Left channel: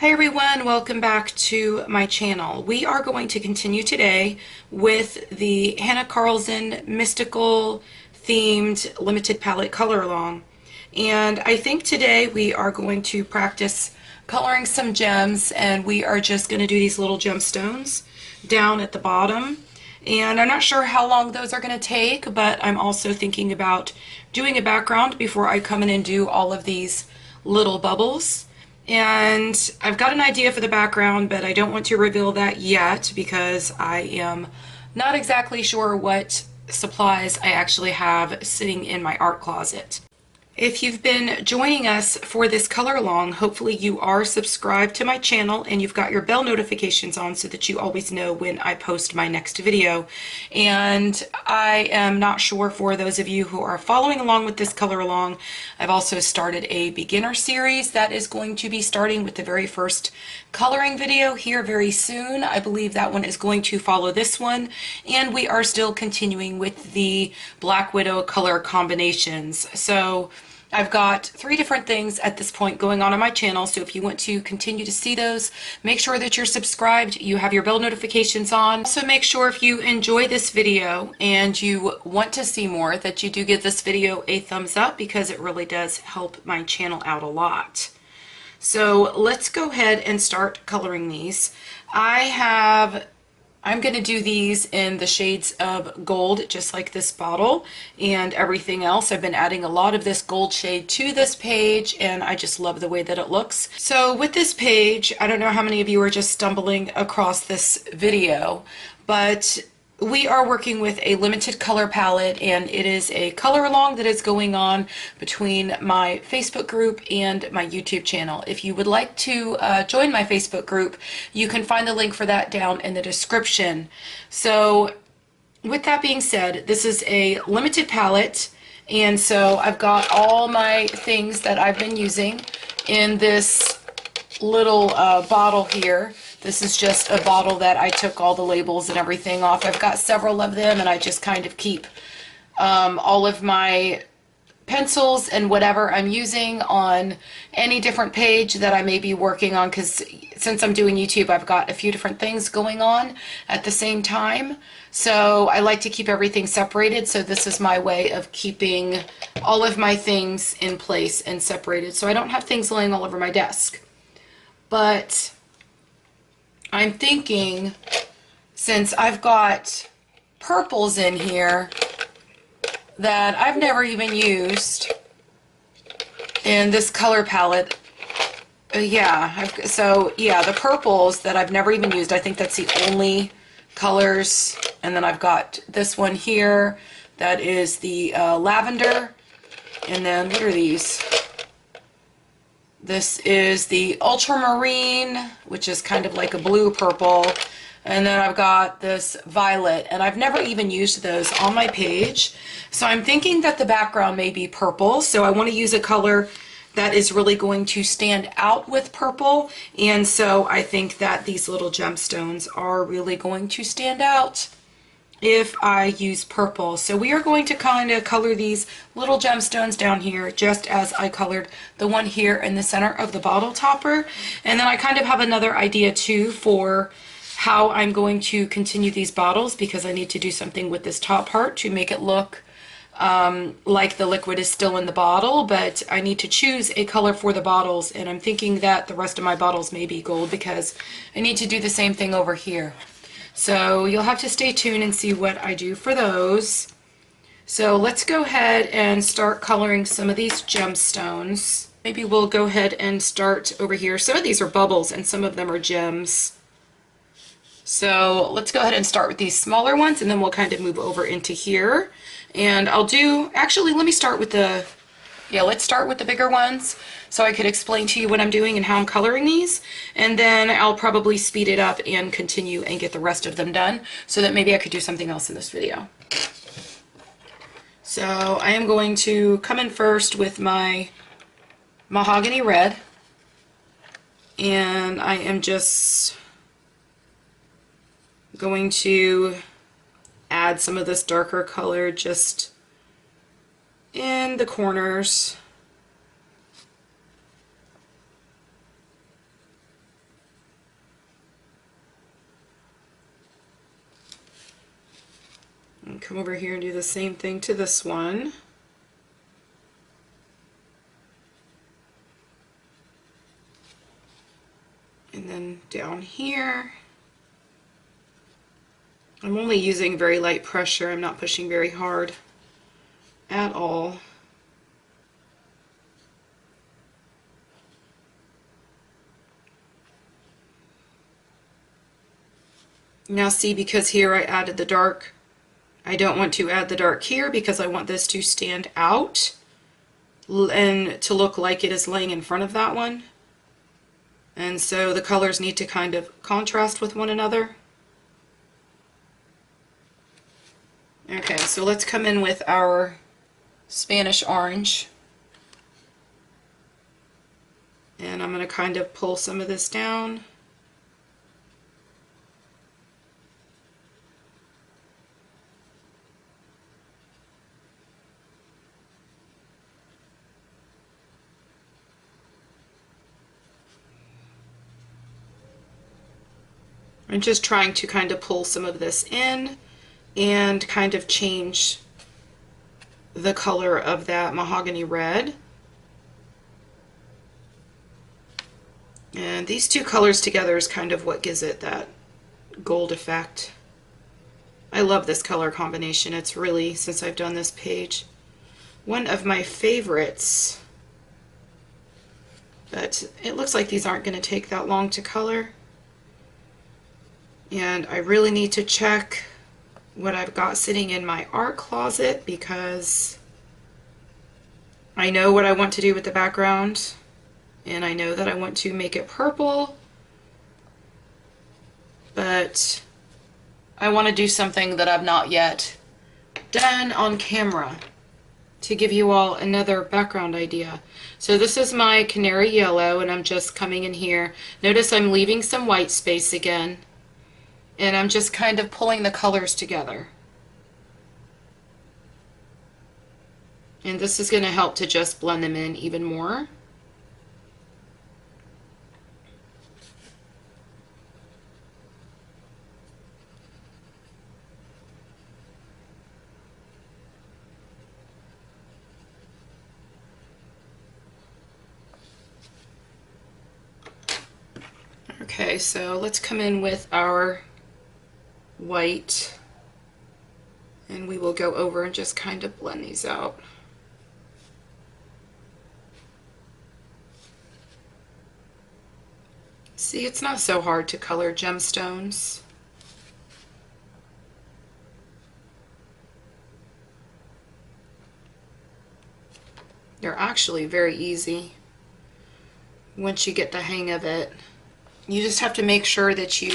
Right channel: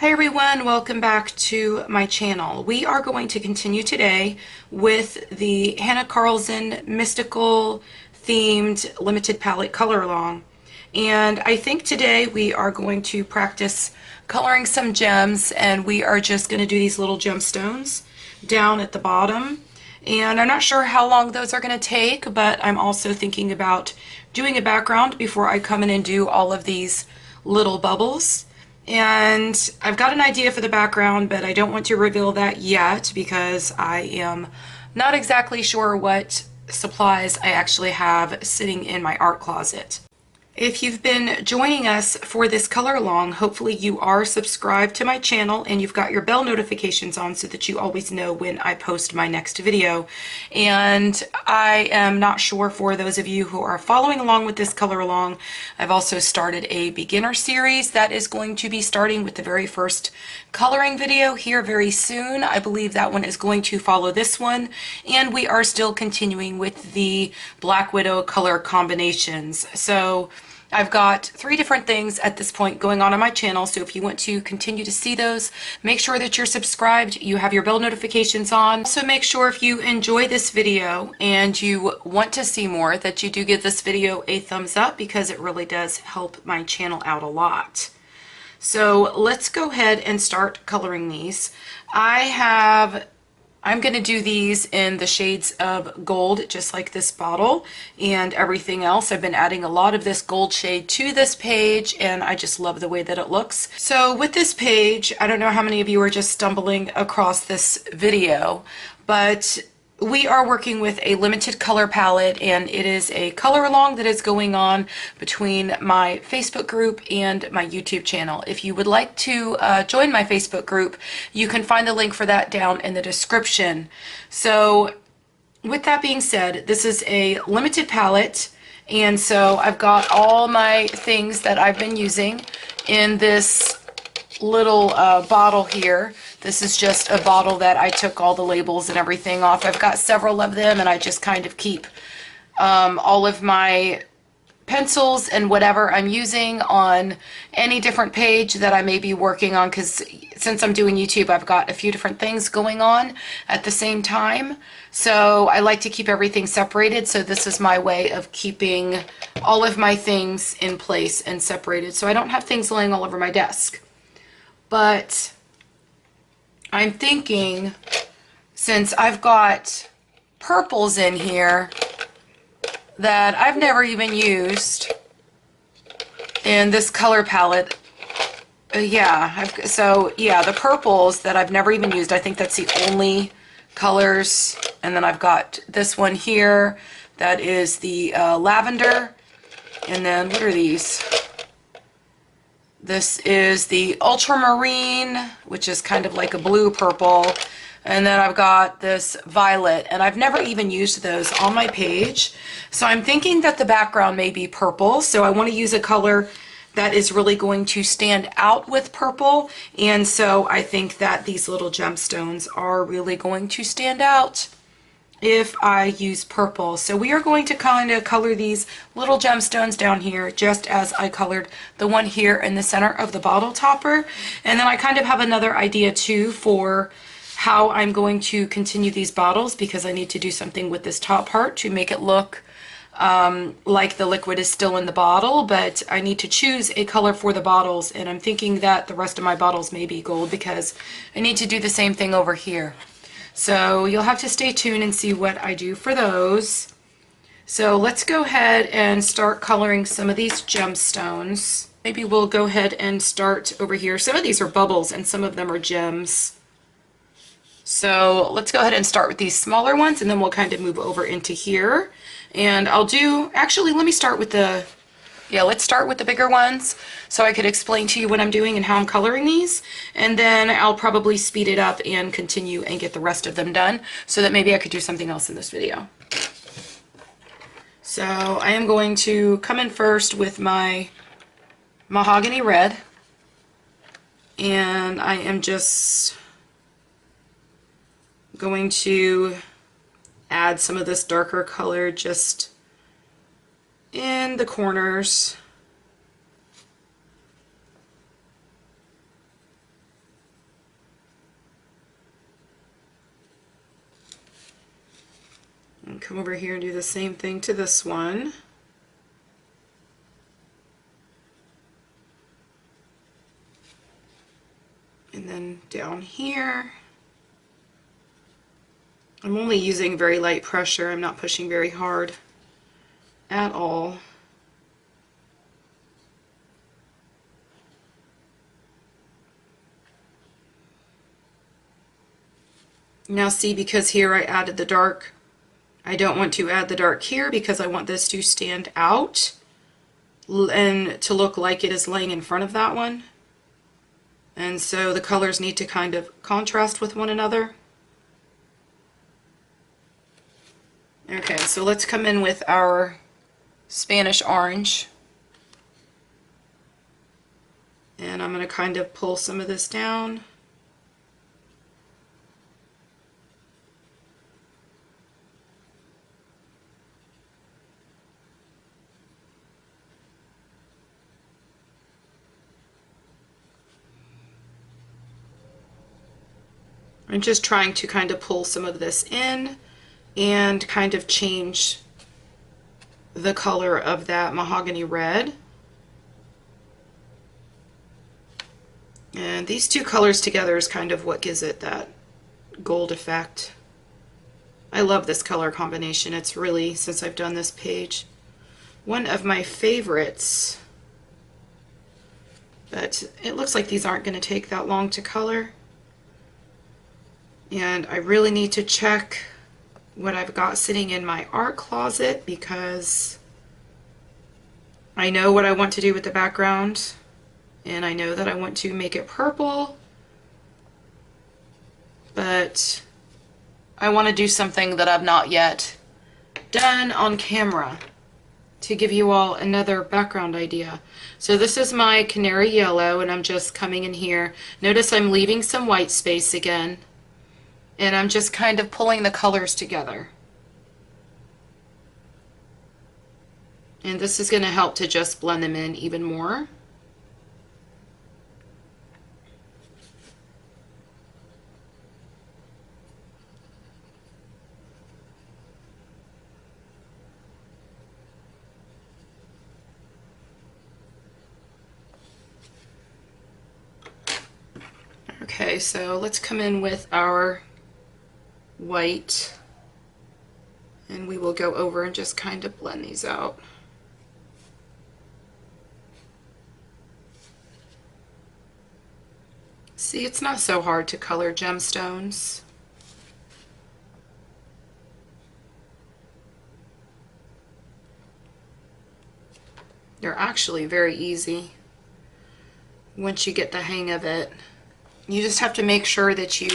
Hi everyone, welcome back to my channel. We are going to continue today with the Hanna Karlzon mystical themed limited palette color along. And I think today we are going to practice coloring some gems, and we are just going to do these little gemstones down at the bottom. And I'm not sure how long those are going to take, but I'm also thinking about doing a background before I come in and do all of these little bubbles. And I've got an idea for the background, but I don't want to reveal that yet because I am not exactly sure what supplies I actually have sitting in my art closet. If you've been joining us for this color along, hopefully you are subscribed to my channel and you've got your bell notifications on so that you always know when I post my next video. And I am not sure, for those of you who are following along with this color along, I've also started a beginner series that is going to be starting with the very first coloring video here very soon. I believe that one is going to follow this one, and we are still continuing with the Black Widow color combinations. So I've got 3 different things at this point going on my channel, so if you want to continue to see those, make sure that you're subscribed, you have your bell notifications on. Also make sure if you enjoy this video and you want to see more that you do give this video a thumbs up, because it really does help my channel out a lot. So let's go ahead and start coloring these. I'm going to do these in the shades of gold, just like this bottle and everything else. I've been adding a lot of this gold shade to this page, and I just love the way that it looks. So with this page, I don't know how many of you are just stumbling across this video, but we are working with a limited color palette, and it is a color along that is going on between my Facebook group and my YouTube channel. If you would like to join my Facebook group, you can find the link for that down in the description. So with that being said, this is a limited palette, and so I've got all my things that I've been using in this little bottle here. This is just a bottle that I took all the labels and everything off. I've got several of them, and I just kind of keep all of my pencils and whatever I'm using on any different page that I may be working on, because since I'm doing YouTube, I've got a few different things going on at the same time. So I like to keep everything separated, so this is my way of keeping all of my things in place and separated, so I don't have things laying all over my desk. But I'm thinking, since I've got purples in here that I've never even used in this color palette, the purples that I've never even used, I think that's the only colors. And then I've got this one here that is the lavender, and then what are these? This is the ultramarine, which is kind of like a blue purple, and then I've got this violet, and I've never even used those on my page. So I'm thinking that the background may be purple, so I want to use a color that is really going to stand out with purple, and so I think that these little gemstones are really going to stand out if I use purple. So we are going to kind of color these little gemstones down here just as I colored the one here in the center of the bottle topper. And then I kind of have another idea too for how I'm going to continue these bottles, because I need to do something with this top part to make it look like the liquid is still in the bottle, but I need to choose a color for the bottles, and I'm thinking that the rest of my bottles may be gold because I need to do the same thing over here. So you'll have to stay tuned and see what I do for those. So let's go ahead and start coloring some of these gemstones. Maybe we'll go ahead and start over here. Some of these are bubbles and some of them are gems. So let's go ahead and start with these smaller ones, and then we'll kind of move over into here. And actually, let me start with let's start with the bigger ones so I could explain to you what I'm doing and how I'm coloring these, and then I'll probably speed it up and continue and get the rest of them done so that maybe I could do something else in this video. So I am going to come in first with my mahogany red, and I am just going to add some of this darker color just in the corners. Come over here and do the same thing to this one. And then down here, I'm only using very light pressure. I'm not pushing very hard at all. Now see, because here I added the dark, I don't want to add the dark here because I want this to stand out and to look like it is laying in front of that one. And so the colors need to kind of contrast with one another. Okay, so let's come in with our Spanish orange. And I'm going to kind of pull some of this down. I'm just trying to kind of pull some of this in and kind of change the color of that mahogany red. And these two colors together is kind of what gives it that gold effect. I love this color combination. It's really, since I've done this page, one of my favorites. It looks like these aren't going to take that long to color. And I really need to check what I've got sitting in my art closet because I know what I want to do with the background, and I know that I want to make it purple, but I want to do something that I've not yet done on camera to give you all another background idea. So this is my canary yellow, and I'm just coming in here. Notice I'm leaving some white space again. And I'm just kind of pulling the colors together. And this is going to help to just blend them in even more. Okay, so let's come in with our white, and we will go over and just kind of blend these out. See, it's not so hard to color gemstones. They're actually very easy once you get the hang of it. You just have to make sure that you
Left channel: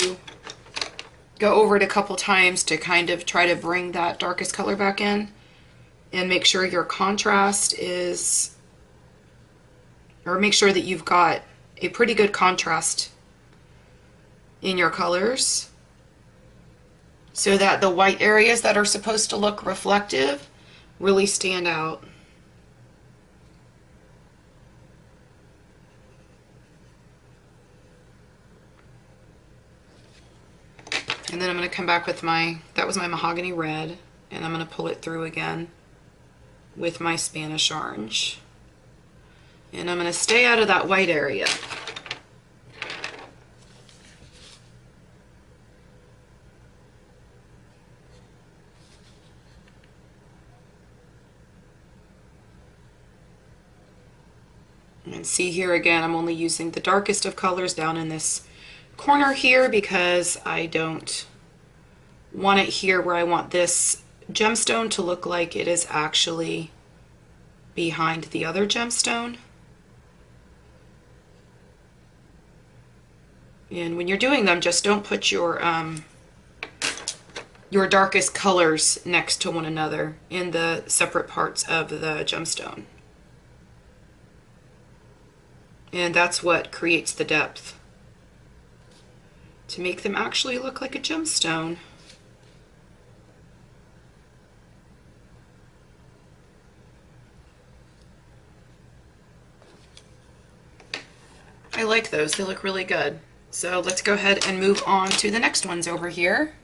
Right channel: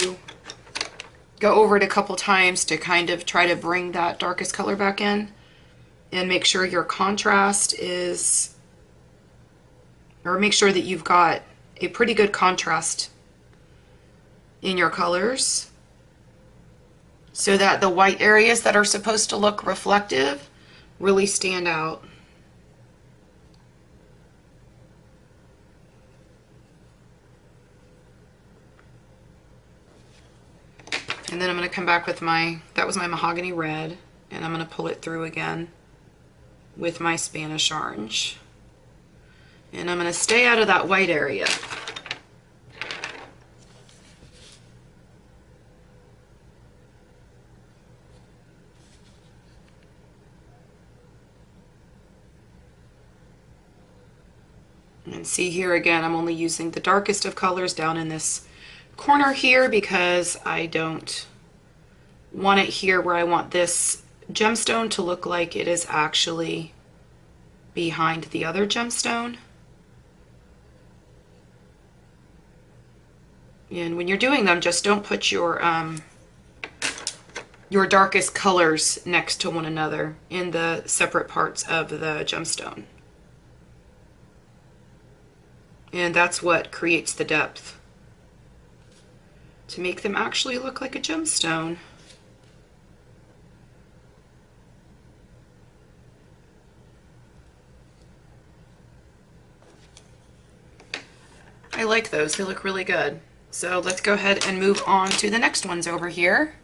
go over it a couple times to kind of try to bring that darkest color back in, and make sure your contrast is, or make sure that you've got a pretty good contrast in your colors so that the white areas that are supposed to look reflective really stand out. And then I'm going to come back with that was my mahogany red, and I'm going to pull it through again with my Spanish orange. And I'm going to stay out of that white area. And see here again, I'm only using the darkest of colors down in this corner here because I don't want it here where I want this gemstone to look like it is actually behind the other gemstone. And when you're doing them, just don't put your darkest colors next to one another in the separate parts of the gemstone. And that's what creates the depth, to make them actually look like a gemstone. I like those, they look really good. So let's go ahead and move on to the next ones over here.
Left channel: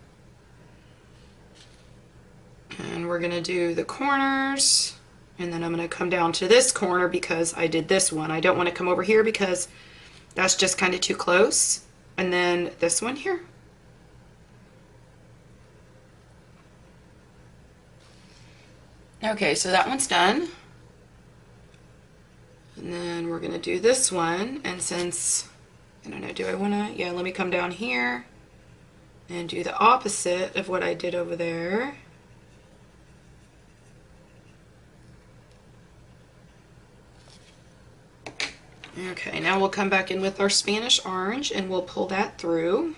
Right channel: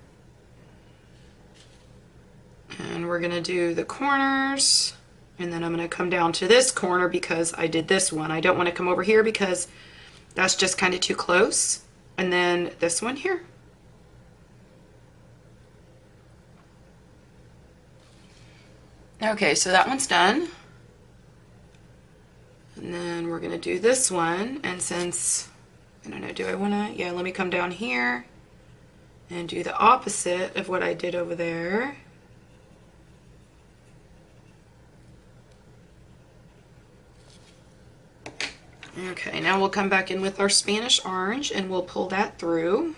And we're going to do the corners, and then I'm going to come down to this corner because I did this one. I don't want to come over here because that's just kind of too close. And then this one here. Okay, so that one's done. And then we're going to do this one, and since, I don't know, do I want to, yeah, let me come down here and do the opposite of what I did over there. Okay, now we'll come back in with our Spanish orange and we'll pull that through.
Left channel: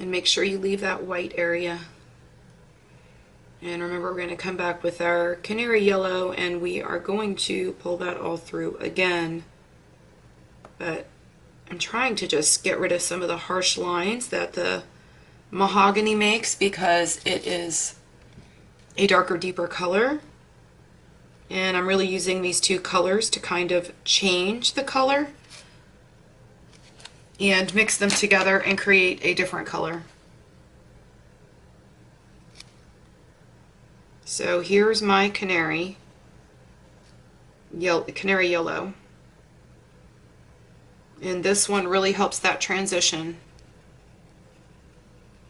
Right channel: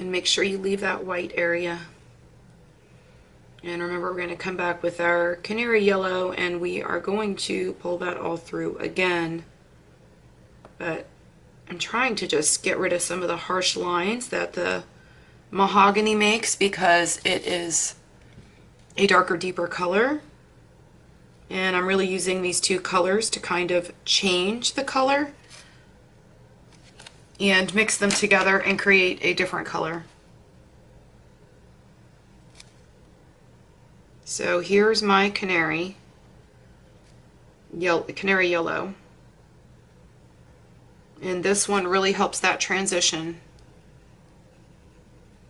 And make sure you leave that white area. And remember, we're going to come back with our canary yellow and we are going to pull that all through again. But I'm trying to just get rid of some of the harsh lines that the mahogany makes because it is a darker, deeper color. And I'm really using these two colors to kind of change the color and mix them together and create a different color. So here's my canary yellow. And this one really helps that transition.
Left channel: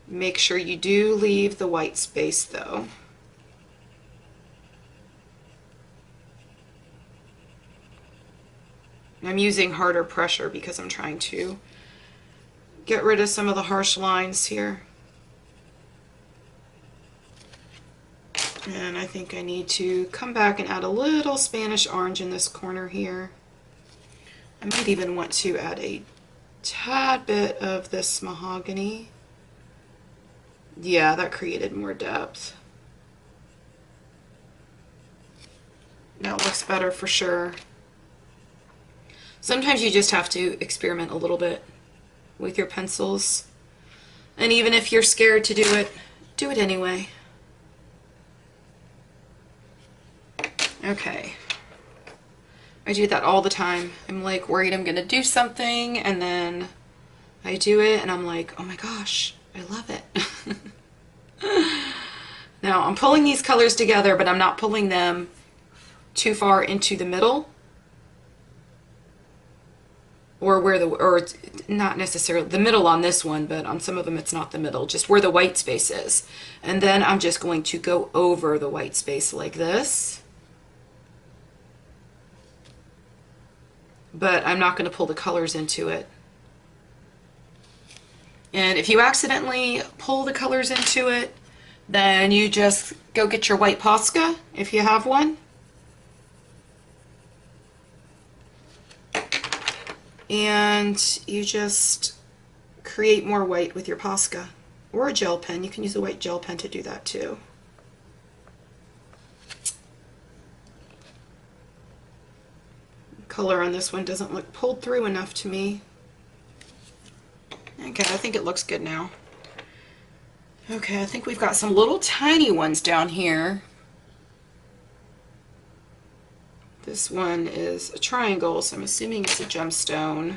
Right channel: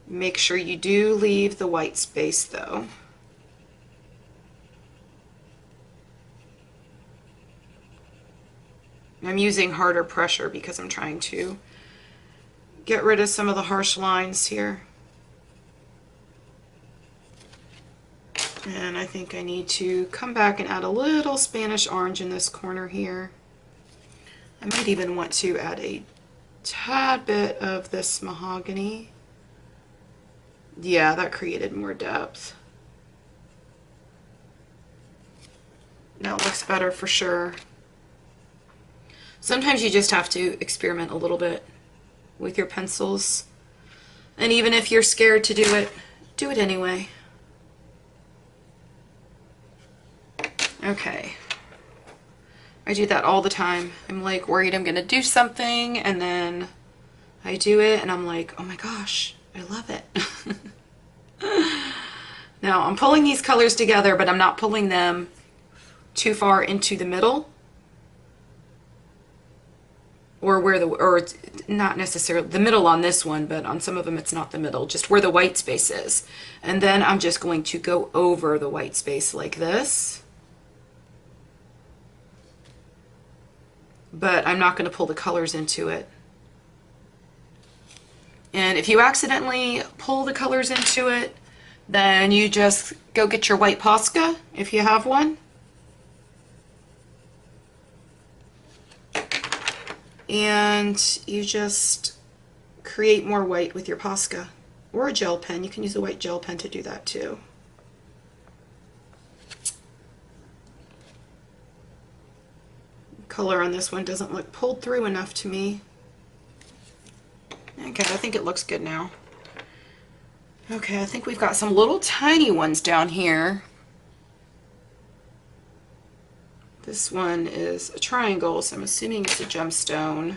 Make sure you do leave the white space though. I'm using harder pressure because I'm trying to get rid of some of the harsh lines here. And I think I need to come back and add a little Spanish orange in this corner here. I might even want to add a tad bit of this mahogany. Yeah, that created more depth. That looks better for sure. Sometimes you just have to experiment a little bit with your pencils. And even if you're scared to do it anyway. Okay. I do that all the time. I'm like worried I'm gonna do something and then I do it and I'm like, oh my gosh, I love it. Now I'm pulling these colors together, but I'm not pulling them too far into the middle or not necessarily the middle on this one, but on some of them it's not the middle, just where the white space is. And then I'm just going to go over the white space like this. But I'm not going to pull the colors into it. And if you accidentally pull the colors into it, then you just go get your white Posca, if you have one. And you just create more white with your Posca. Or a gel pen. You can use a white gel pen to do that too. Color on this one doesn't look pulled through enough to me. Okay, I think it looks good now. Okay, I think we've got some little tiny ones down here. This one is a triangle, so I'm assuming it's a gemstone.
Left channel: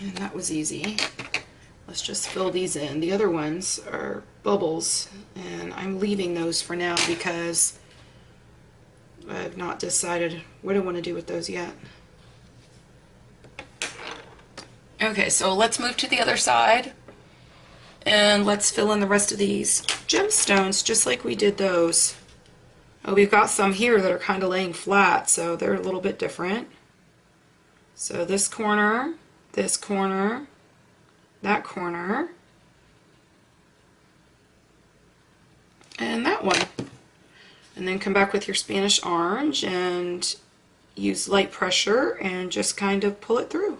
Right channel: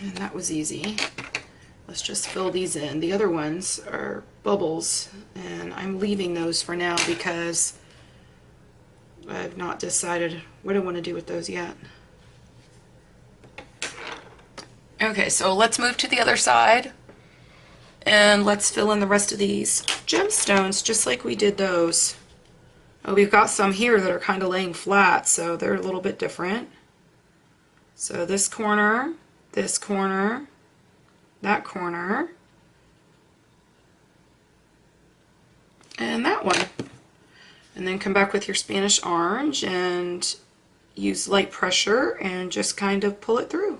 And that was easy. Let's just fill these in. The other ones are bubbles, and I'm leaving those for now because I've not decided what I want to do with those yet. Okay, so let's move to the other side and let's fill in the rest of these gemstones just like we did those. Oh, we've got some here that are kind of laying flat, so they're a little bit different. So this corner, that corner, and that one. And then come back with your Spanish orange and use light pressure and just kind of pull it through.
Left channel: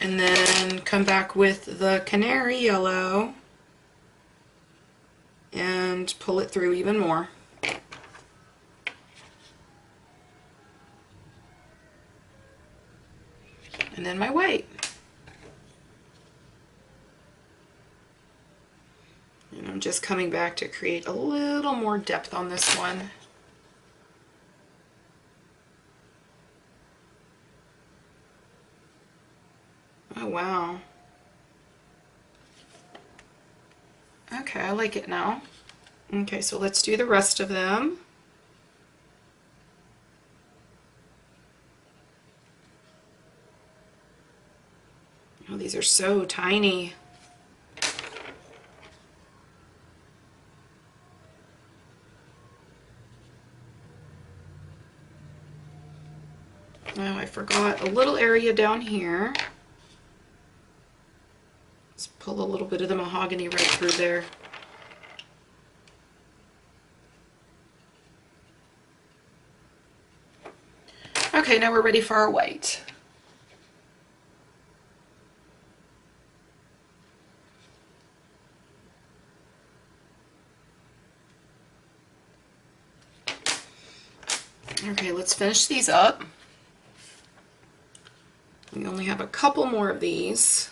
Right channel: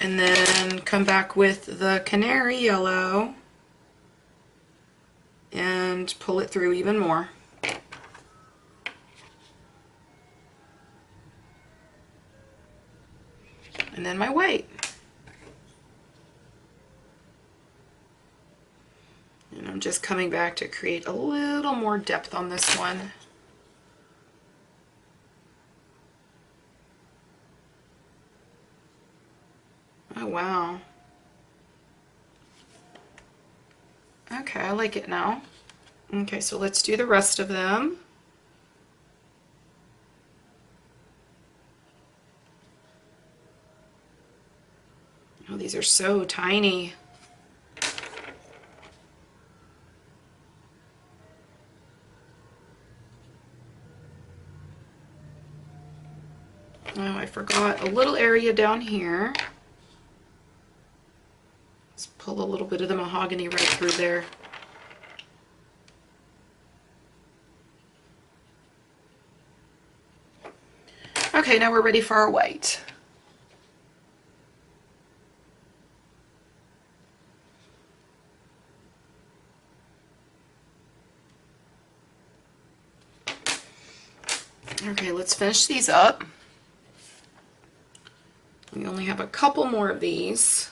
And then come back with the canary yellow and pull it through even more. And then my white. And I'm just coming back to create a little more depth on this one. Oh, wow. Okay, I like it now. Okay, so let's do the rest of them. Oh, these are so tiny. Oh, I forgot a little area down here. Let's pull a little bit of the mahogany right through there. Okay, now we're ready for our white. Okay, let's finish these up. We only have a couple more of these.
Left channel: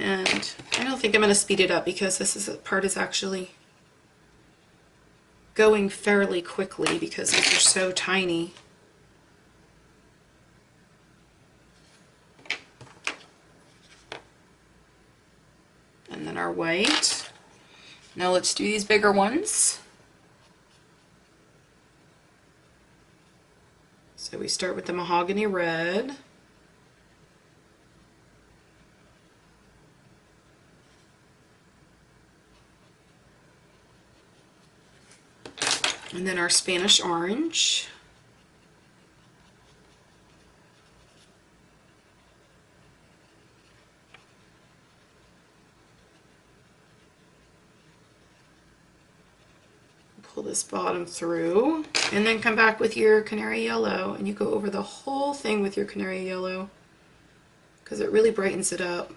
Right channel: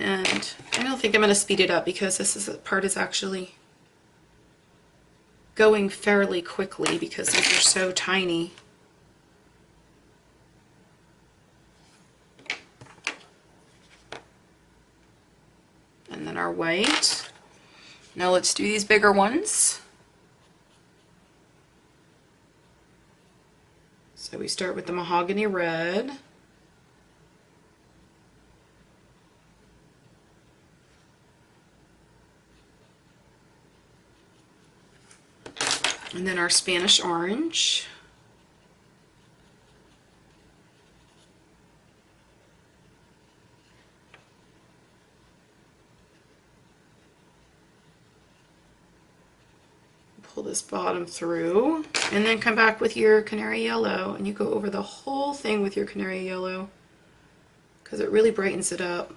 And I don't think I'm going to speed it up because this part is actually going fairly quickly because these are so tiny. And then our white. Now let's do these bigger ones. So we start with the mahogany red. And then our Spanish orange. Pull this bottom through, and then come back with your canary yellow, and you go over the whole thing with your canary yellow because it really brightens it up.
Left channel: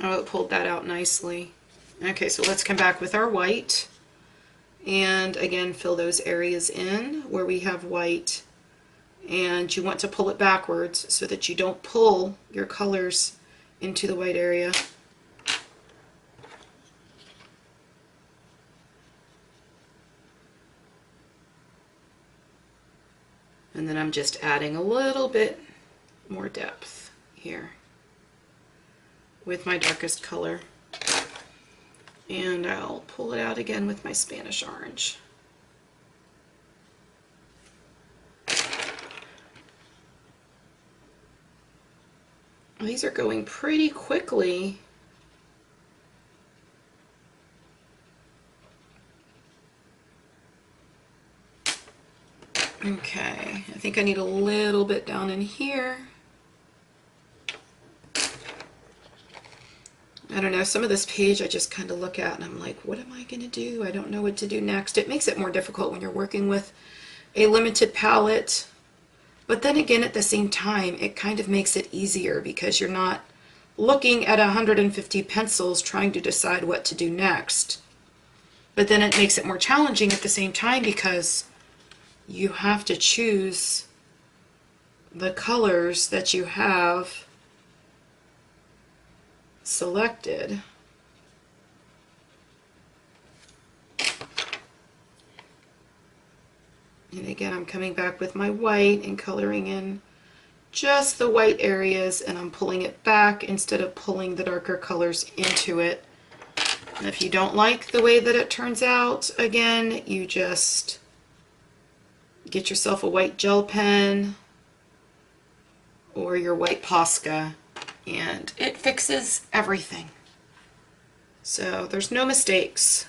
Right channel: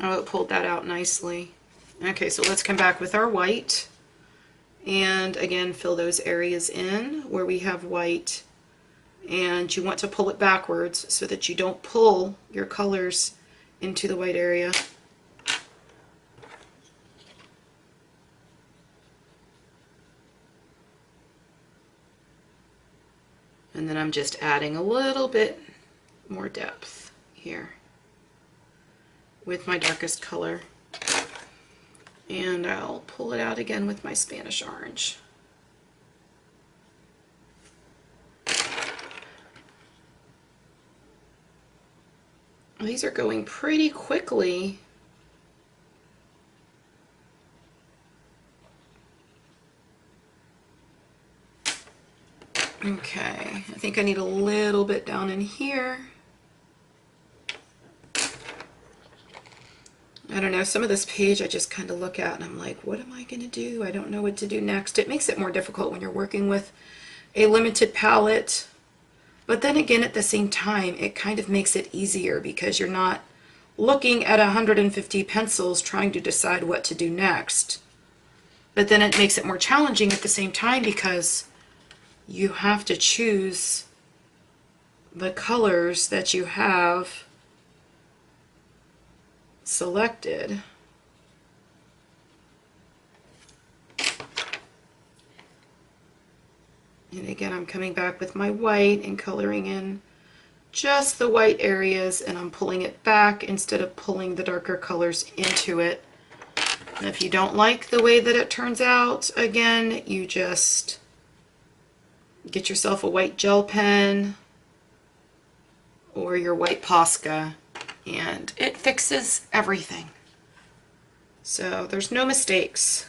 Oh, it pulled that out nicely. Okay, so let's come back with our white, and again fill those areas in where we have white, and you want to pull it backwards so that you don't pull your colors into the white area. And then I'm just adding a little bit more depth here with my darkest color. And I'll pull it out again with my Spanish orange. These are going pretty quickly. Okay, I think I need a little bit down in here. I don't know, some of this page I just kind of look at and I'm like, what am I going to do? I don't know what to do next. It makes it more difficult when you're working with a limited palette. But then again, at the same time, it kind of makes it easier because you're not looking at 150 pencils trying to decide what to do next. But then it makes it more challenging at the same time because you have to choose the colors that you have selected. And again, I'm coming back with my white and coloring in just the white areas, and I'm pulling it back instead of pulling the darker colors into it. And if you don't like the way that it turns out, again, you just get yourself a white gel pen or your white Posca, and it fixes everything. So there's no mistakes.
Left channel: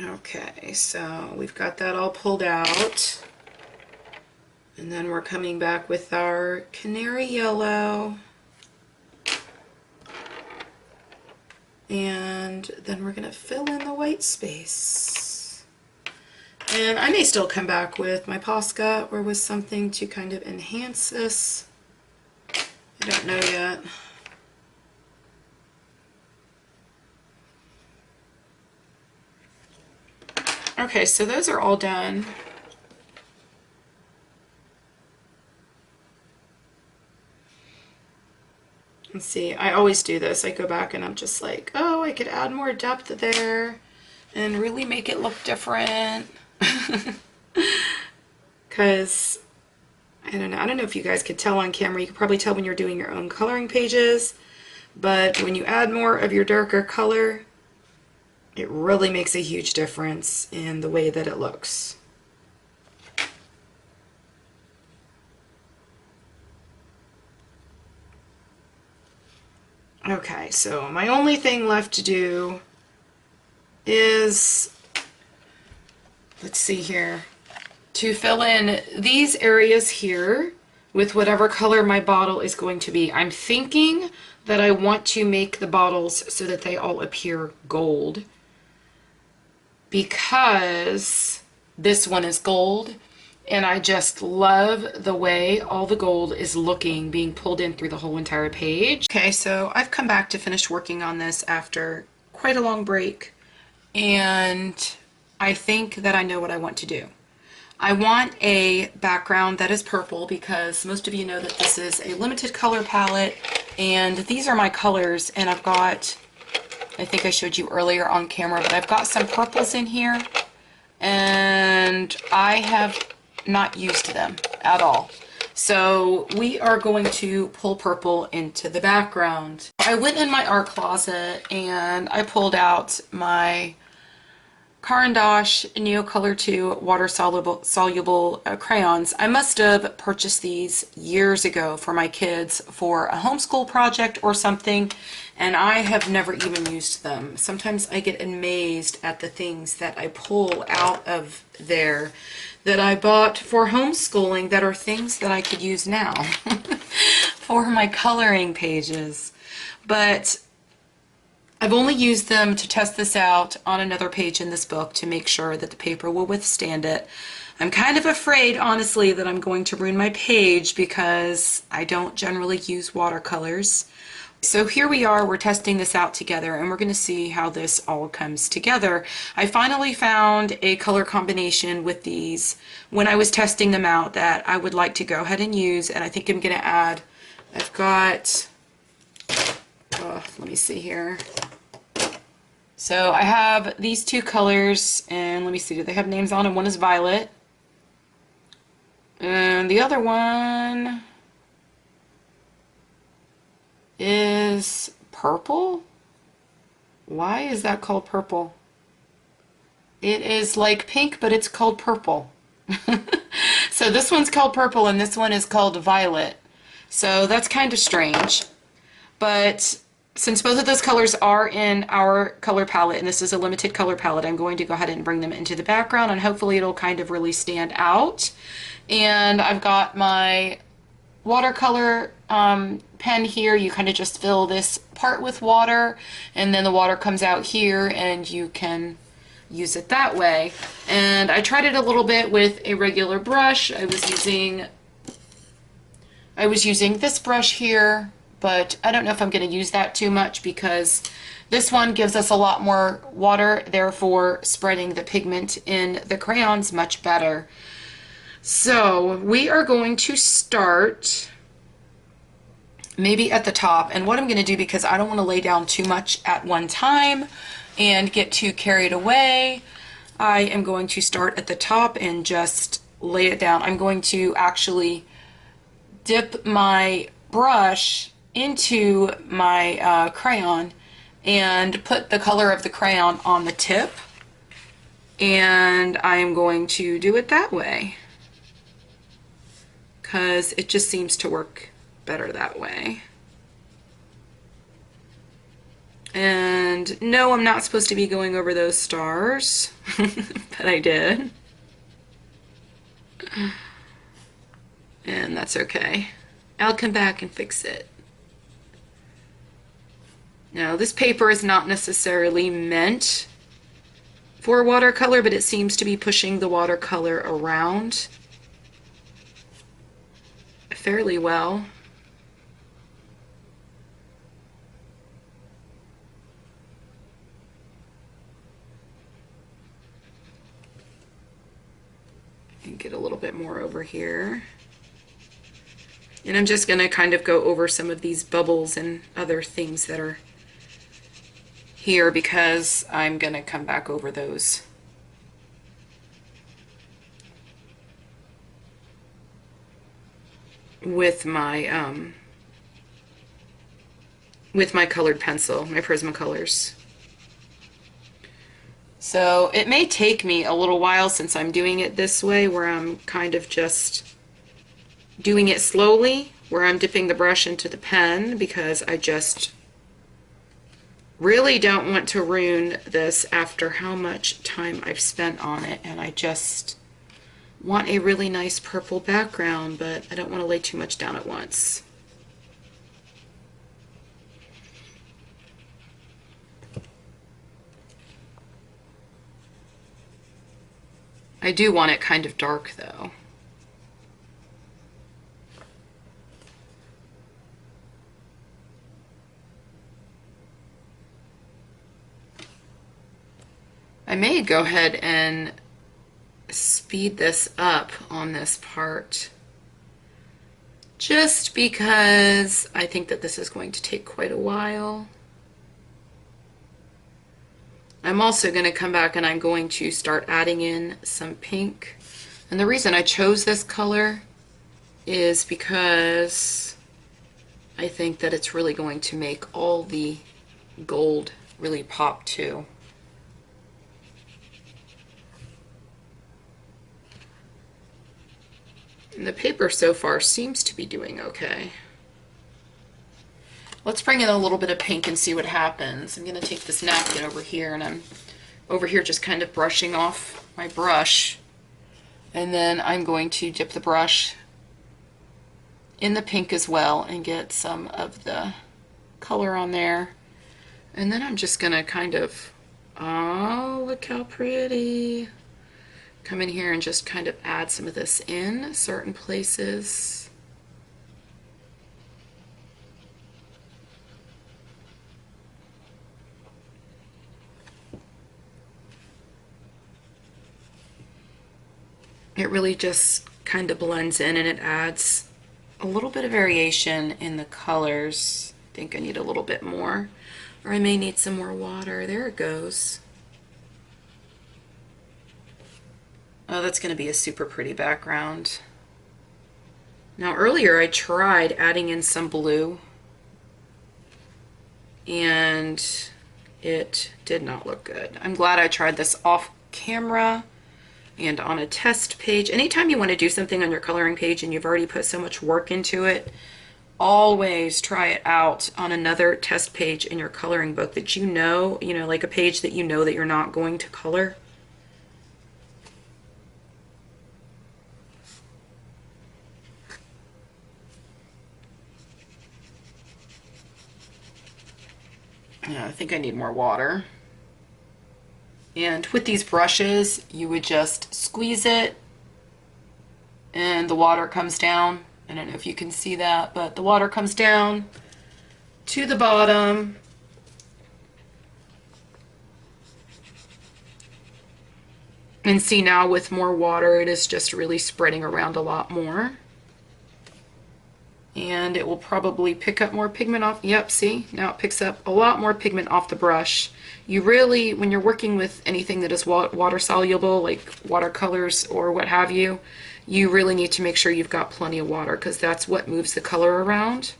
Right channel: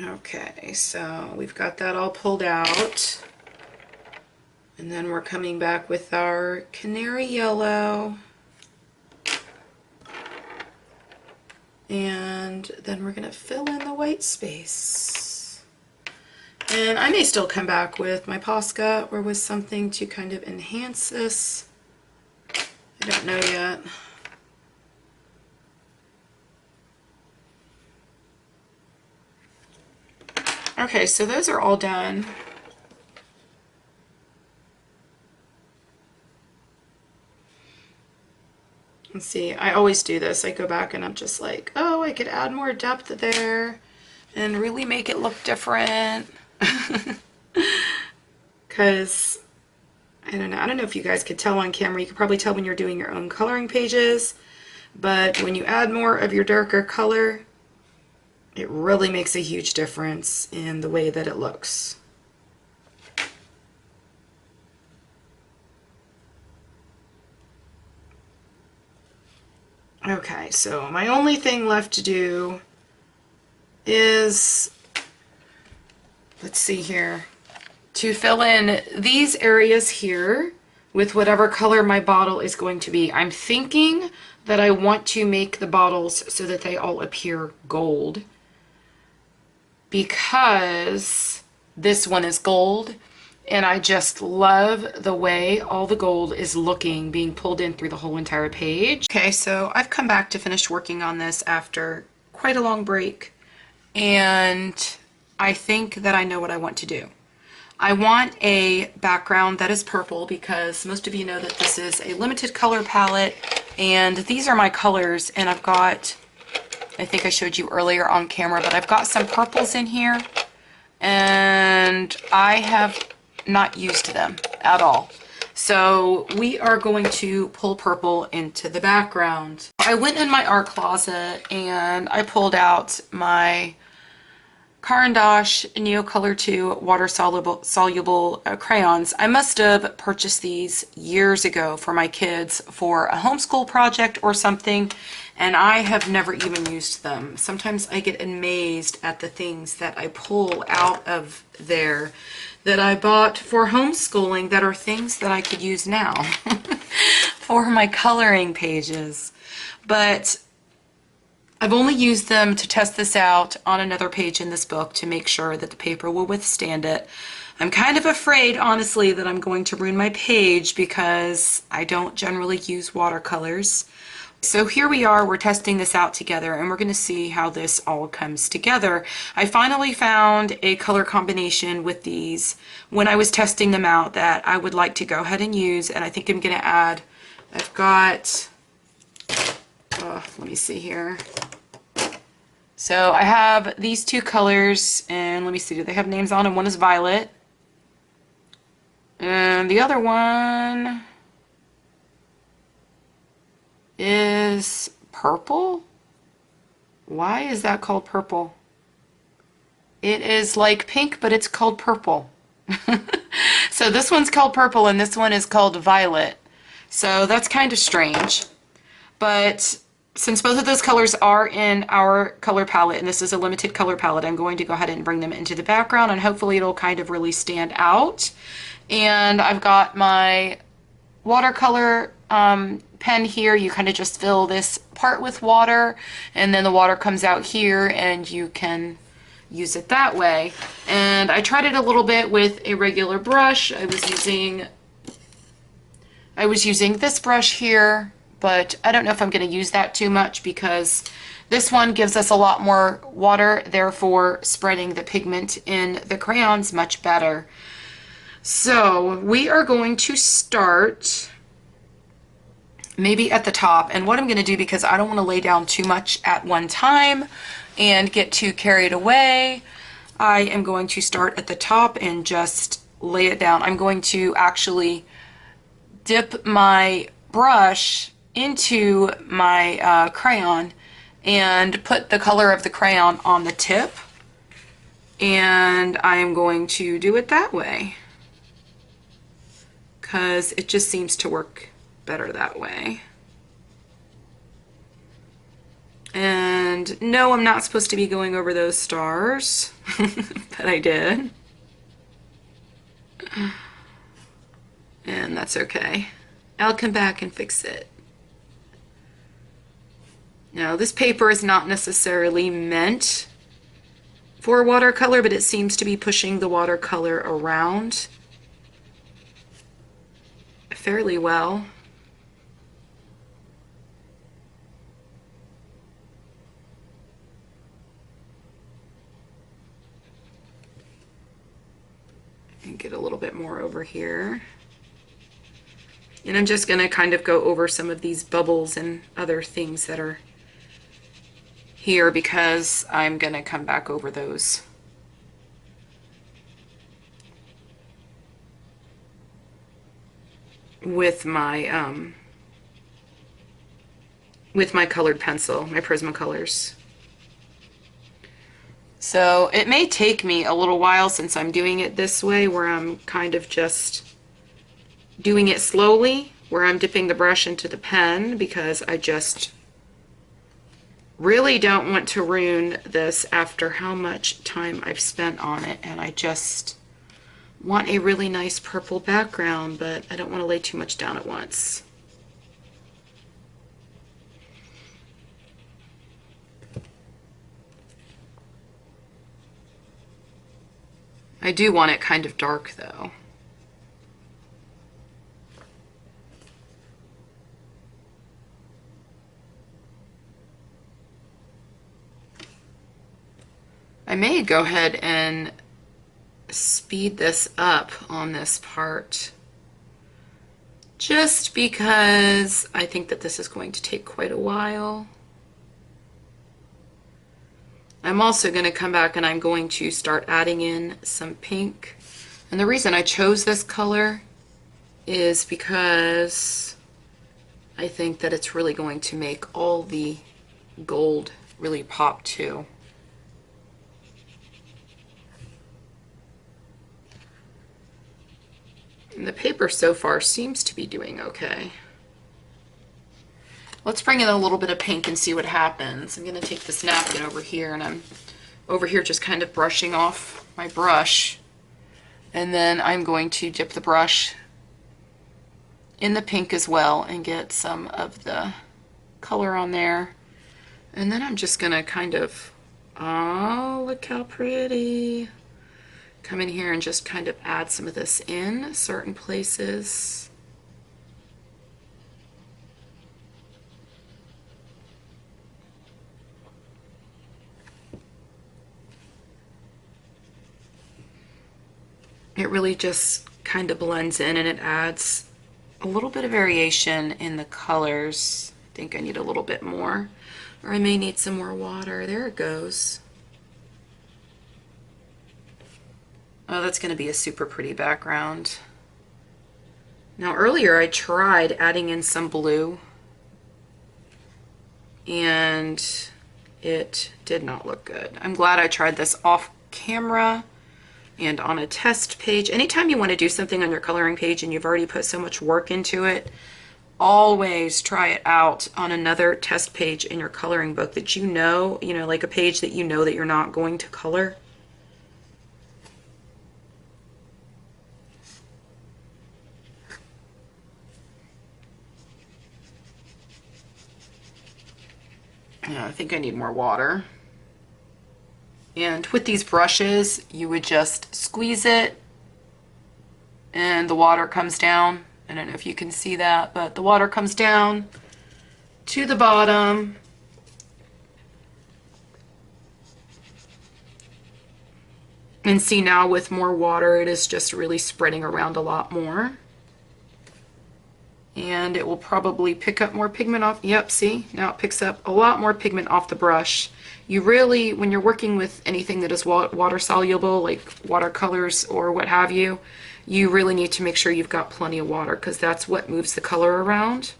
Okay, so we've got that all pulled out. And then we're coming back with our canary yellow. And then we're going to fill in the white space. And I may still come back with my Posca or with something to kind of enhance this. I don't know yet. Okay, so those are all done. Let's see, I always do this. I go back and I'm just like, oh, I could add more depth there and really make it look different. Because, I don't know if you guys could tell on camera. You could probably tell when you're doing your own coloring pages. But when you add more of your darker color, it really makes a huge difference in the way that it looks. Okay, so my only thing left to do is, let's see here, to fill in these areas here with whatever color my bottle is going to be. I'm thinking that I want to make the bottles so that they all appear gold, because this one is gold and I just love the way all the gold is looking, being pulled in through the whole entire page. Okay, so I've come back to finish working on this after quite a long break, and I think that I know what I want to do. I want a background that is purple, because most of you know that this is a limited color palette, and these are my colors, and I've got, I think I showed you earlier on camera, but I've got some purples in here, and I have not used them at all. So we are going to pull purple into the background. I went in my art closet and I pulled out my Caran Neocolor II Water-soluble Crayons. I must have purchased these years ago for my kids for a homeschool project or something, and I have never even used them. Sometimes I get amazed at the things that I pull out of there that I bought for homeschooling that are things that I could use now for my coloring pages. But I've only used them to test this out on another page in this book to make sure that the paper will withstand it. I'm kind of afraid, honestly, that I'm going to ruin my page because I don't generally use watercolors. So here we are, we're testing this out together, and we're going to see how this all comes together. I finally found a color combination with these when I was testing them out that I would like to go ahead and use, and I think I'm going to add, I've got, let me see here. So I have these two colors, and let me see, do they have names on them? One is violet, and the other one is purple. Why is that called purple? It is like pink, but it's called purple. So this one's called purple and this one is called violet. So that's kind of strange. But since both of those colors are in our color palette, and this is a limited color palette, I'm going to go ahead and bring them into the background, and hopefully it'll kind of really stand out. And I've got my watercolor pen here. You kind of just fill this part with water, and then the water comes out here and you can use it that way. And I tried it a little bit with a regular brush. I was using this brush here, but I don't know if I'm going to use that too much because this one gives us a lot more water, therefore spreading the pigment in the crayons much better. So we are going to start maybe at the top, and what I'm going to do, because I don't want to lay down too much at one time and get too carried away, I am going to start at the top and just lay it down. I'm going to actually dip my brush into my crayon and put the color of the crayon on the tip, and I am going to do it that way because it just seems to work better that way. And no, I'm not supposed to be going over those stars, but I did. And that's okay. I'll come back and fix it. Now, this paper is not necessarily meant for watercolor, but it seems to be pushing the watercolor around fairly well. And get a little bit more over here. And I'm just going to kind of go over some of these bubbles and other things that are here because I'm going to come back over those. With my colored pencil, my Prismacolors. So it may take me a little while since I'm doing it this way, where I'm kind of just doing it slowly, where I'm dipping the brush into the pen, because I just really don't want to ruin this after how much time I've spent on it, and I just want a really nice purple background, but I don't want to lay too much down at once. I do want it kind of dark though. I may go ahead and speed this up on this part just because I think that this is going to take quite a while. I'm also going to come back and I'm going to start adding in some pink. And the reason I chose this color is because I think that it's really going to make all the gold really pop too. And the paper so far seems to be doing okay. Let's bring in a little bit of pink and see what happens. I'm going to take this napkin over here, and I'm over here just kind of brushing off my brush. And then I'm going to dip the brush in the pink as well and get some of the color on there. And then I'm just going to kind of, oh, look how pretty. Come in here and just kind of add some of this in certain places. It really just kind of blends in and it adds a little bit of variation in the colors. I think I need a little bit more, or I may need some more water. There it goes. Oh, that's going to be a super pretty background. Now earlier I tried adding in some blue and it did not look good. I'm glad I tried this off camera and on a test page. Anytime you want to do something on your coloring page and you've already put so much work into it, always try it out on another test page in your coloring book that you know, like a page that you know that you're not going to color. I think I need more water. And with these brushes, you would just squeeze it and the water comes down. I don't know if you can see that, but the water comes down to the bottom. And see now with more water, it is just really spreading around a lot more. And it will probably pick up more pigment off. Yep, see, now it picks up a lot more pigment off the brush. You really, when you're working with anything that is water soluble, like watercolors or what have you, you really need to make sure you've got plenty of water because that's what moves the color around.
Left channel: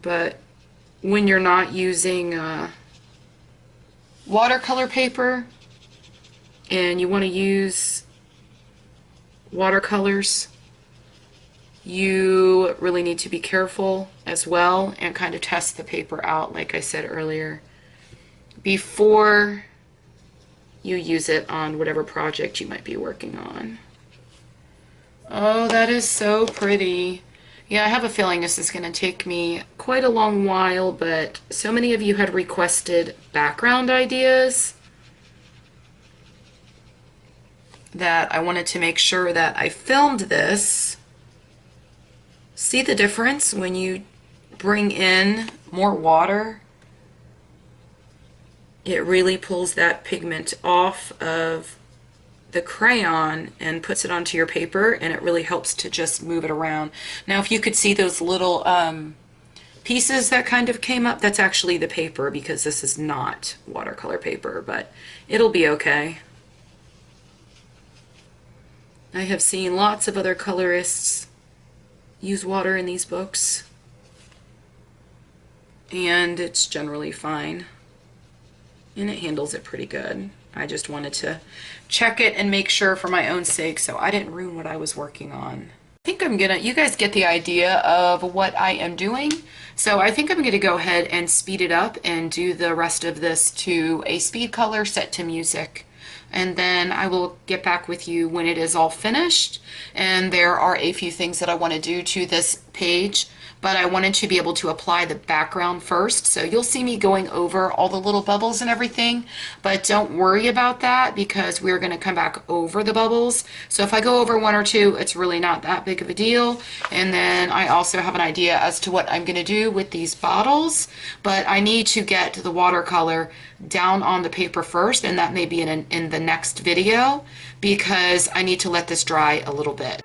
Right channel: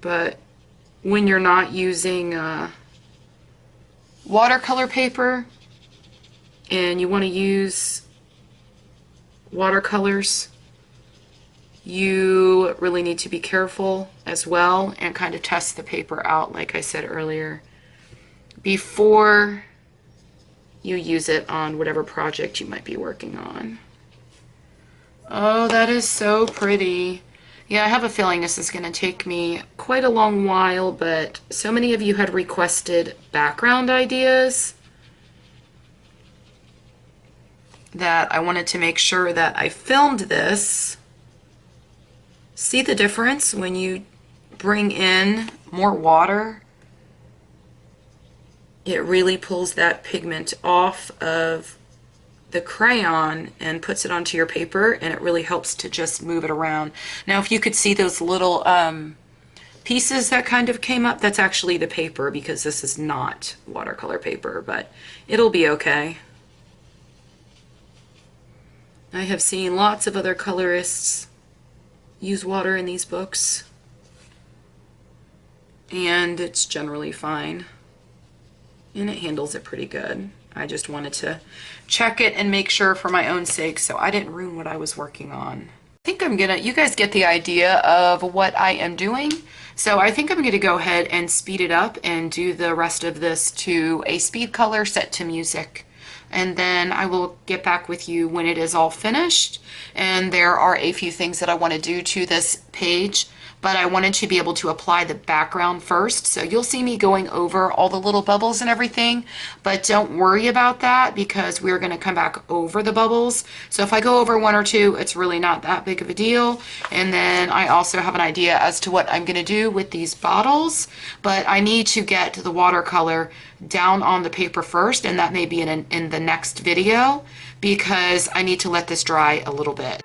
But when you're not using watercolor paper and you want to use watercolors, you really need to be careful as well and kind of test the paper out, like I said earlier, before you use it on whatever project you might be working on. Oh, that is so pretty. Yeah, I have a feeling this is going to take me quite a long while, but so many of you had requested background ideas that I wanted to make sure that I filmed this. See the difference when you bring in more water? It really pulls that pigment off of the crayon and puts it onto your paper, and it really helps to just move it around. Now, if you could see those little pieces that kind of came up, that's actually the paper, because this is not watercolor paper, but it'll be okay. I have seen lots of other colorists use water in these books, and it's generally fine, and it handles it pretty good. I just wanted to check it and make sure for my own sake so I didn't ruin what I was working on. I think you guys get the idea of what I am doing. So I think I'm going to go ahead and speed it up and do the rest of this to a speed color set to music. And then I will get back with you when it is all finished. And there are a few things that I want to do to this page, but I wanted to be able to apply the background first. So you'll see me going over all the little bubbles and everything, but don't worry about that because we're going to come back over the bubbles. So if I go over one or two, it's really not that big of a deal. And then I also have an idea as to what I'm going to do with these bottles, but I need to get the watercolor down on the paper first, and that may be in the next video because I need to let this dry a little bit.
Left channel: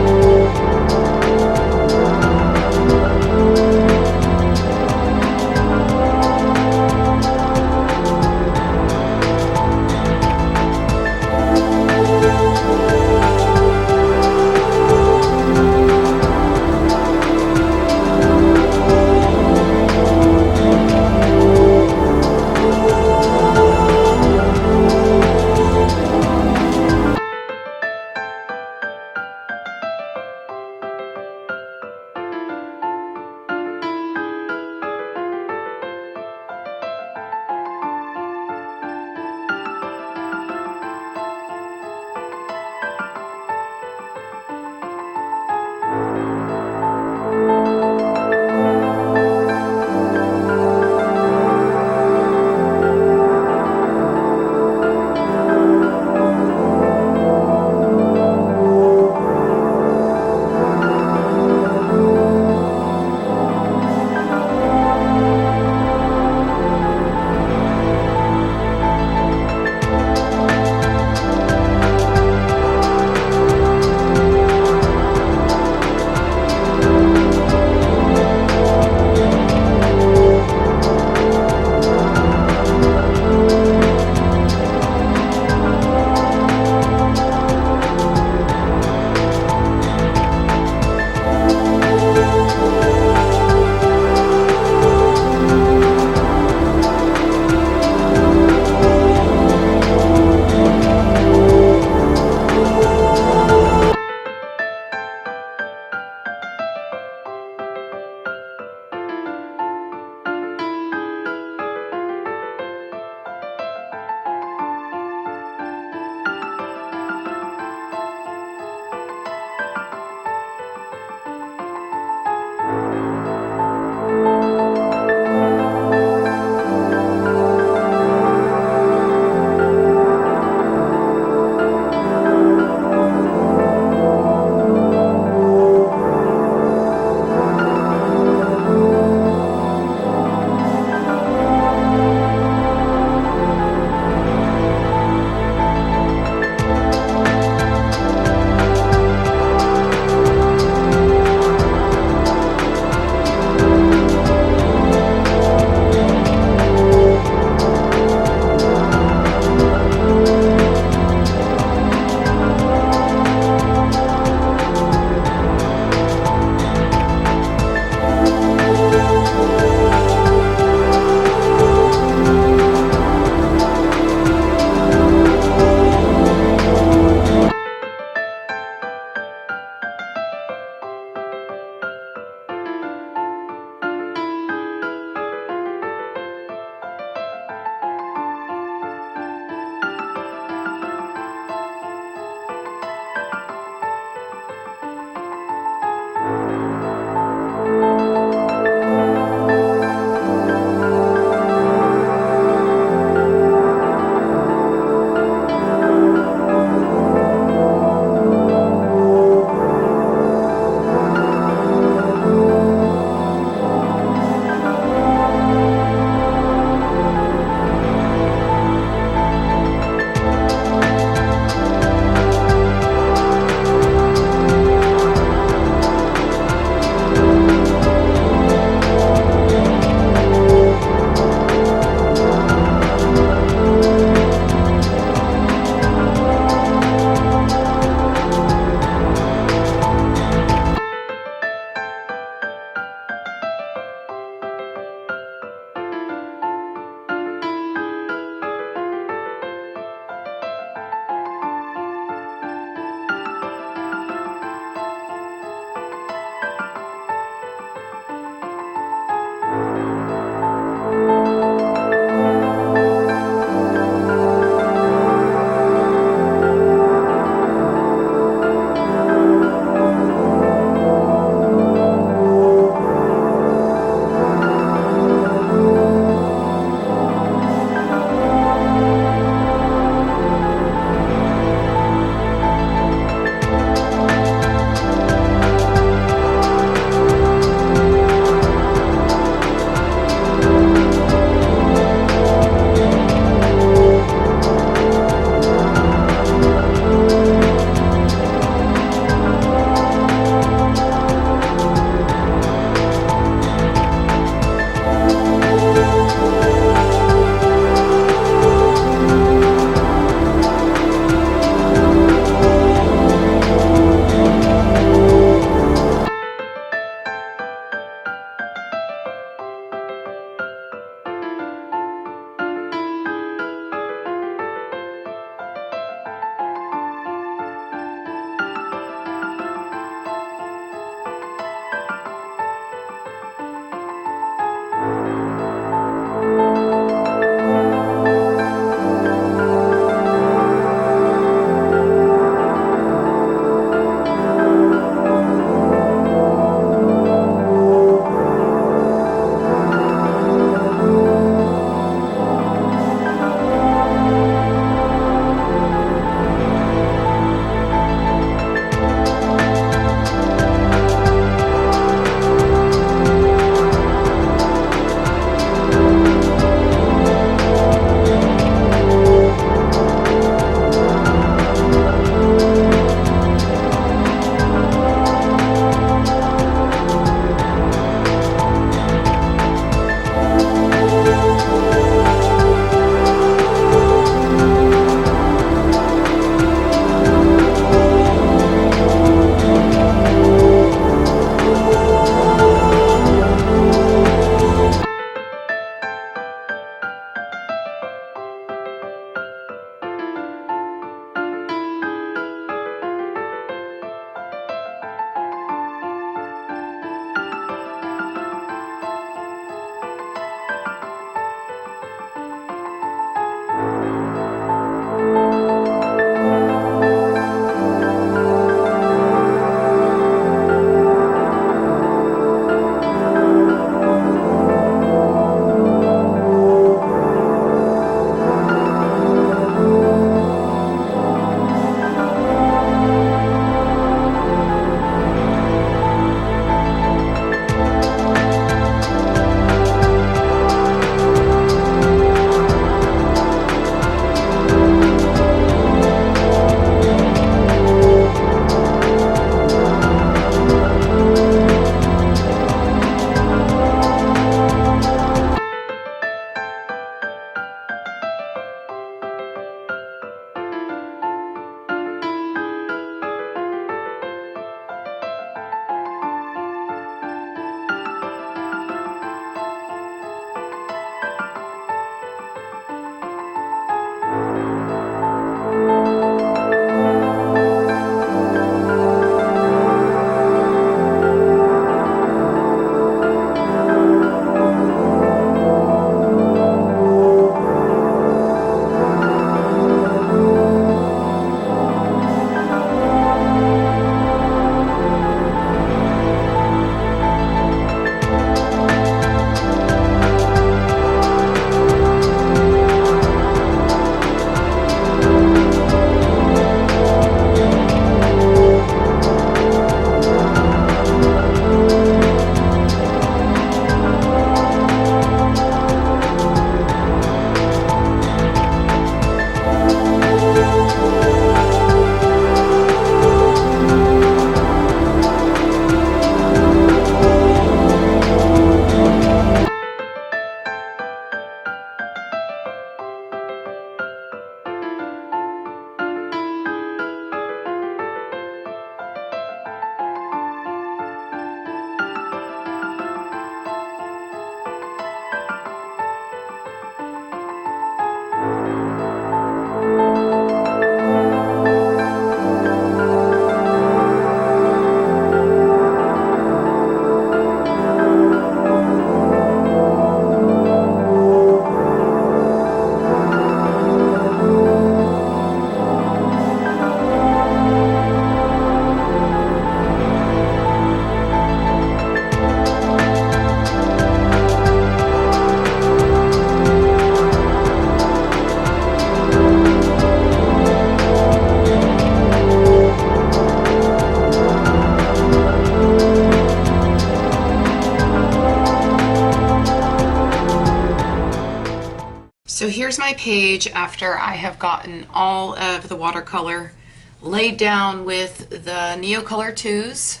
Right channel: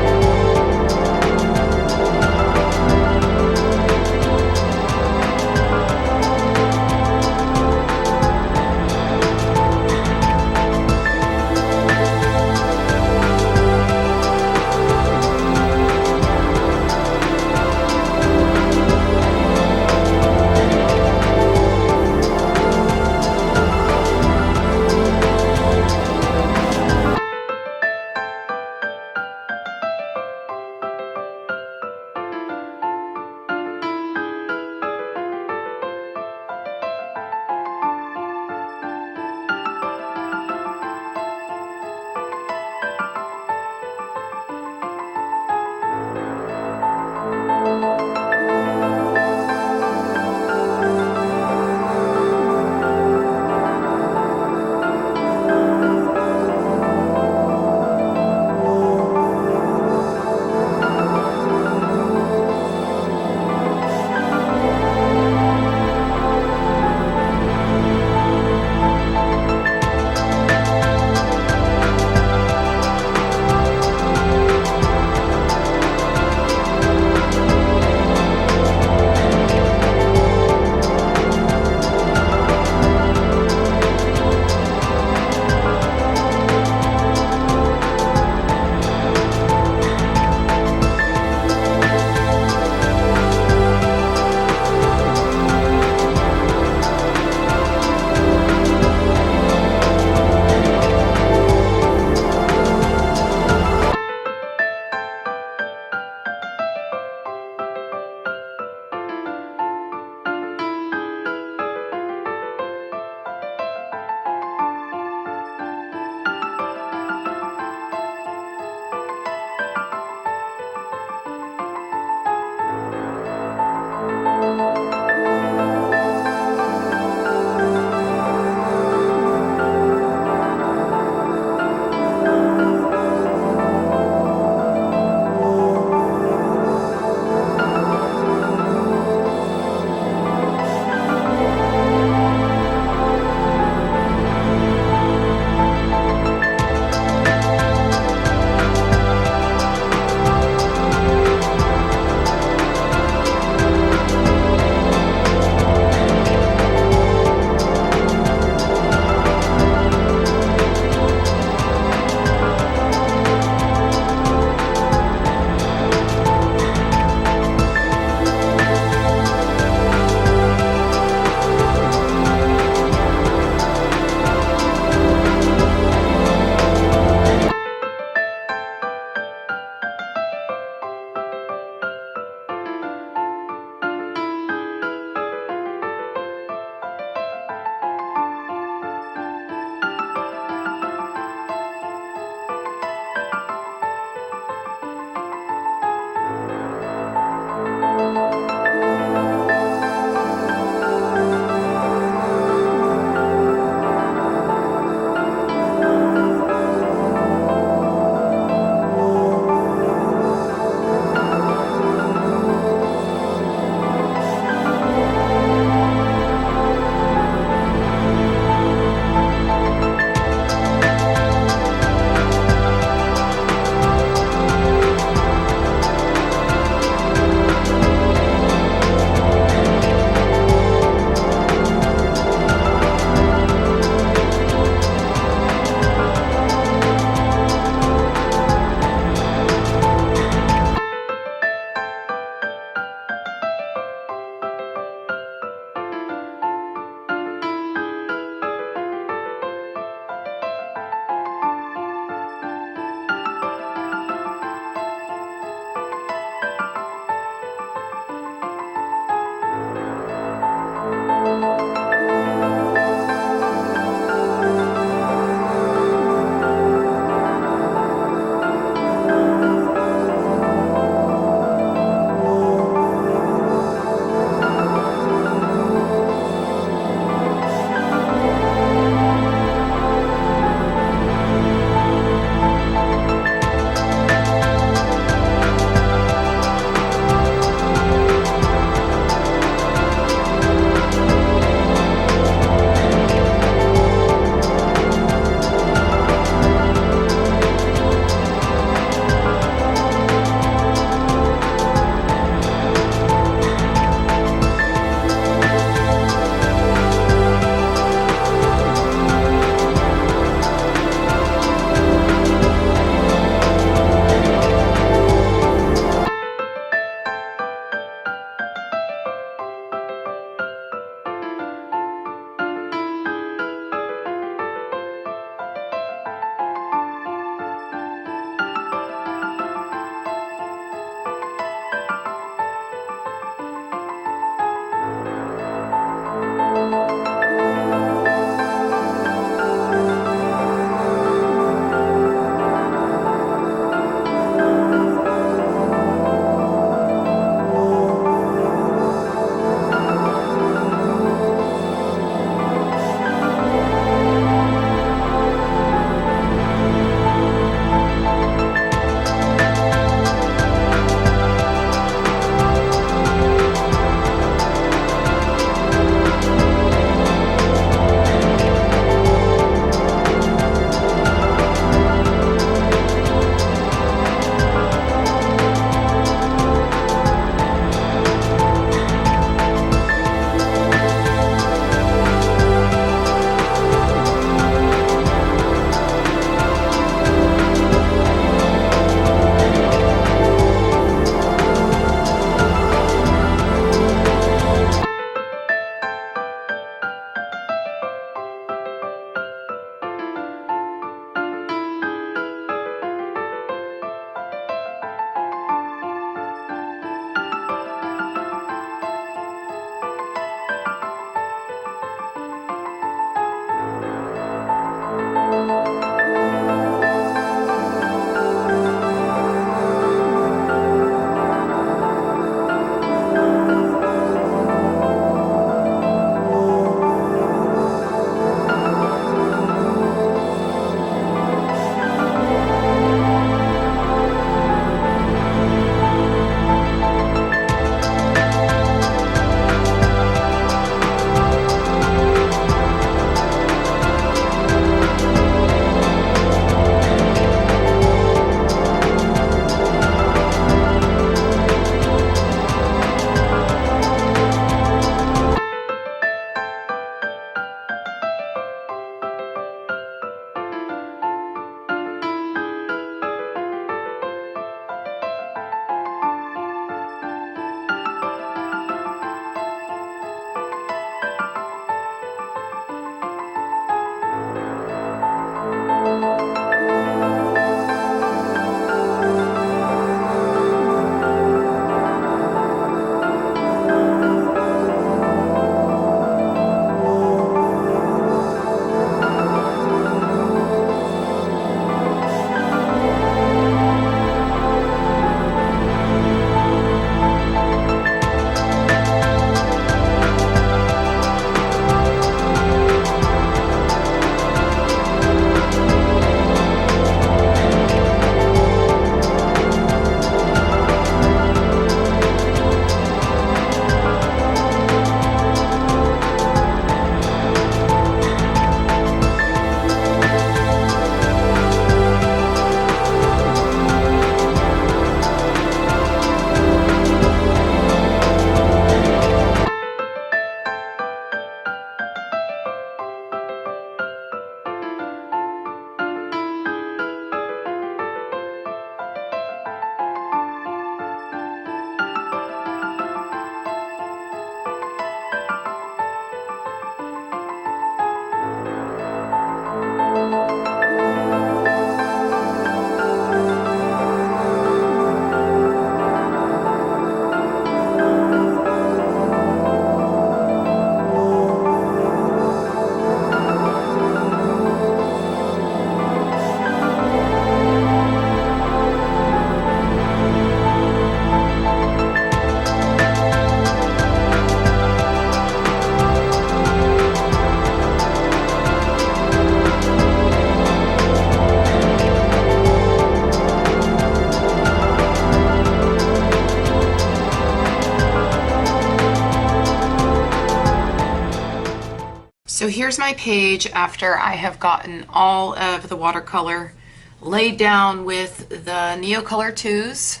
So here's my page after I have gotten all of the watercolor laid down with the Neocolor IIs.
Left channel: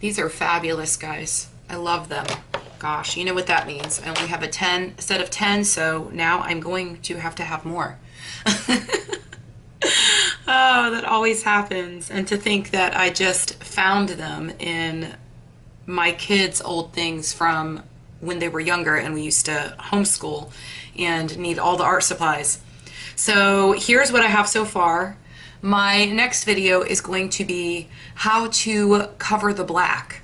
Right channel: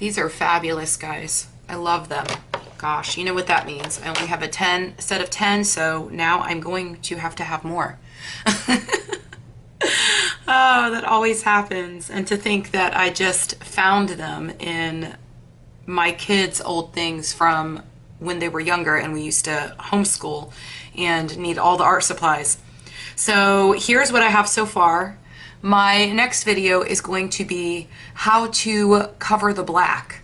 These are fabulous, guys. I love them. Gosh, you know what that means. I only have a set of 10, so now I'm going to have more. Oh, that always happens. And to think that I just found them in my kids' old things from when they were younger and we used to homeschool and need all the art supplies. So here's what I have so far. My next video is going to be how to cover the black.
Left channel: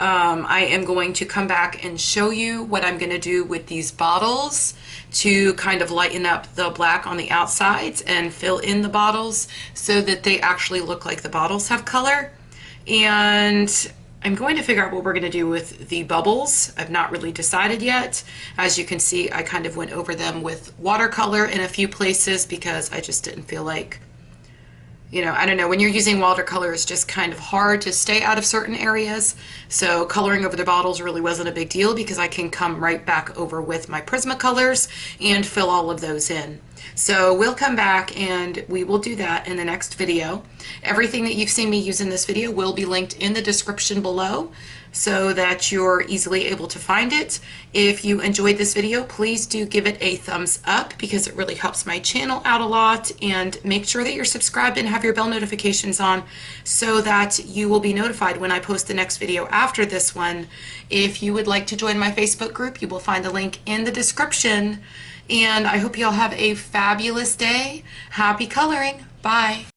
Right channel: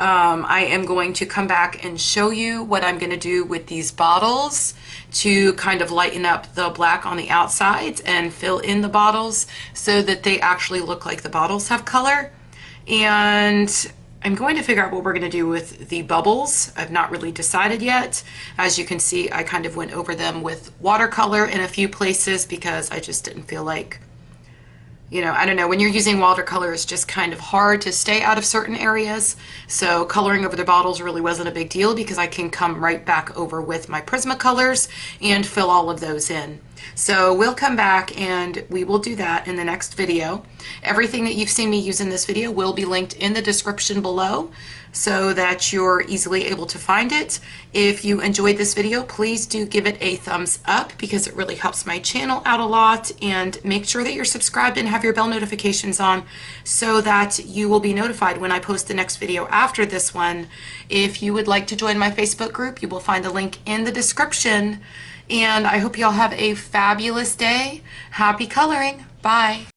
I am going to come back and show you what I'm going to do with these bottles to kind of lighten up the black on the outsides and fill in the bottles so that they actually look like the bottles have color. And I'm going to figure out what we're going to do with the bubbles. I've not really decided yet. As you can see, I kind of went over them with watercolor in a few places because I just didn't feel like, you know, I don't know, when you're using watercolor, it's just kind of hard to stay out of certain areas. So coloring over the bottles really wasn't a big deal because I can come right back over with my Prismacolors and fill all of those in. So we'll come back and we will do that in the next video. Everything that you've seen me use in this video will be linked in the description below so that you're easily able to find it. If you enjoyed this video, please do give it a thumbs up because it really helps my channel out a lot, and make sure that you're subscribed and have your bell notifications on so that you will be notified when I post the next video after this one. If you would like to join my Facebook group, you will find the link in the description, and I hope you all have a fabulous day. Happy coloring. Bye.